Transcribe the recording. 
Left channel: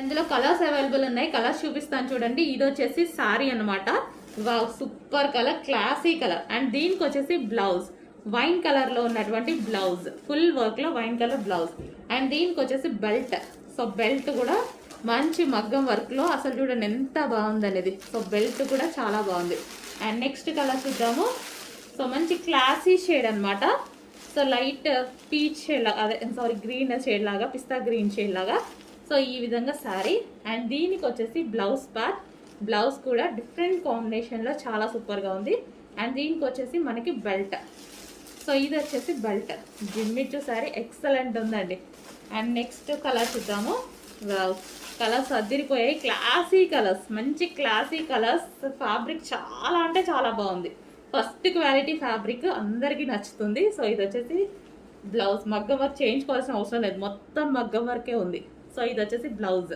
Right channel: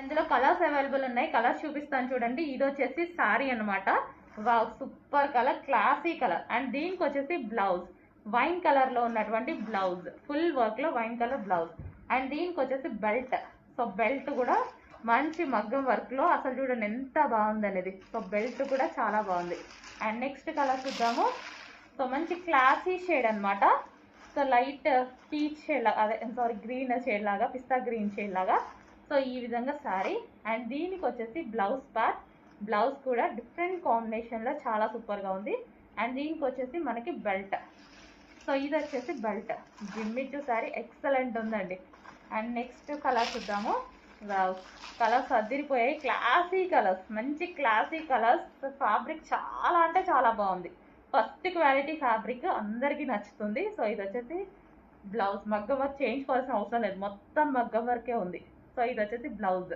ఇందులో colours available ఉన్నాయి. Colours చూపిస్తాను చూడండి. ఇది వచ్చేసి సారీ అనమాట. Wow, super colour, classy colour. And దీనికి వచ్చేసి బ్లౌజ్ వైన్ కలర్ లో ఉన్నటువంటి బ్లౌజ్, ఫుల్ వర్క్ లో వైన్ కలర్ బ్లౌజ్. అండ్ దీనికి వచ్చేసి బెల్ట్. సో బెల్ట్ కూడా మంచి మగ్గం వర్క్ లో, అసలు చూడండి ఎంత బాగుంది అనేది. సో బెల్ట్ కూడా చాలా బాగుంది. అండ్ నెక్స్ట్ కలర్ చూద్దాము. సో మంచి క్లాసీ షేడ్ అనమాట. సో లైట్ పీచ్ షేడ్ లాగా, అదే సారీ గ్రీన్ షేడ్ లాగా, పిస్తా గ్రీన్ షేడ్ లాగా. సో ఈ విధంగా శారీ. అండ్ దీనికి వచ్చేసి బ్లౌజ్ పార్ట్. బ్లౌజ్ కూడా డిఫరెంట్ కాంబినేషన్లో చాలా సూపర్గా ఉంది. అండ్ దీనికి వచ్చేసి మనకి బెల్ట్. సో ఇది వచ్చేసి బెల్ట్. జిమ్మిచ్చు శారీ ఎక్సలెంట్ ఉందండి. అండ్ నెక్స్ట్ కలర్ చూద్దాము. వావ్, కలర్స్ అదిరిపోయాయి. క్లాసీ కలర్స్, మంచి క్లాసీ కలర్స్. ఫ్యాబ్రిక్ చాలా అంటే చాలా బాగుంది. ఫస్ట్ క్వాలిటీ ఫ్యాబ్రిక్, అందరికీ నచ్చుతుంది. సో ఇది వచ్చేసి బ్లౌజ్. మగ్గం వర్క్ చేయించుకోవాల్సిన అవసరం లేదు, మొత్తం మగ్గం వర్కే ఉంది. సో ఇది వచ్చేసి బ్లౌజ్.